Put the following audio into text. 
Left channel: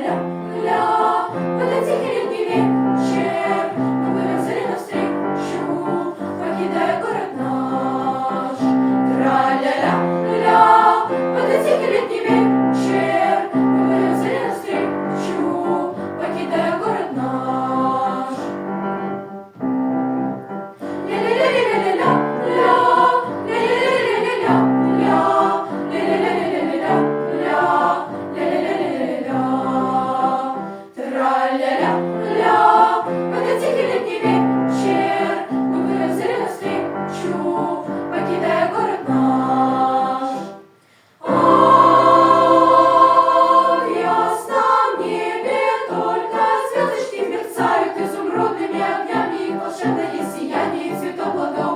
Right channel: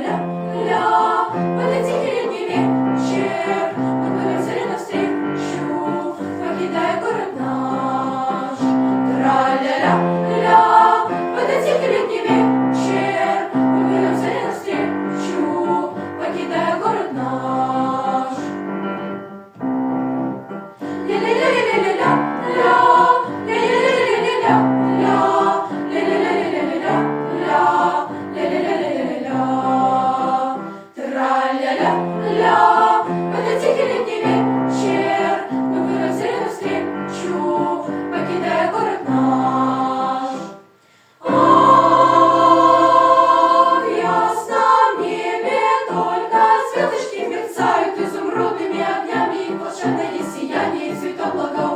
Тра-ля-ля-ля, в этот тихий летний вечер мы плывем цели навстречу, покидая город наш. Тра-ля-ля-ля, в этот тихий летний вечер мы плывем цели навстречу, покидая город наш. Ля-ля-ля-ля-ля-ля-ля, ля-ля-ля-ля-ля-ля, ля-ля-ля-ля-ля-ля, ля-ля-ля-ля-ля-ля. Тра-ля-ля-ля, в этот тихий летний вечер мы плывем цели навстречу, покидая город наш. А в ясном небе только звездочки мерцают изумрудными огнями, и волшебное сияние цветов благоухания.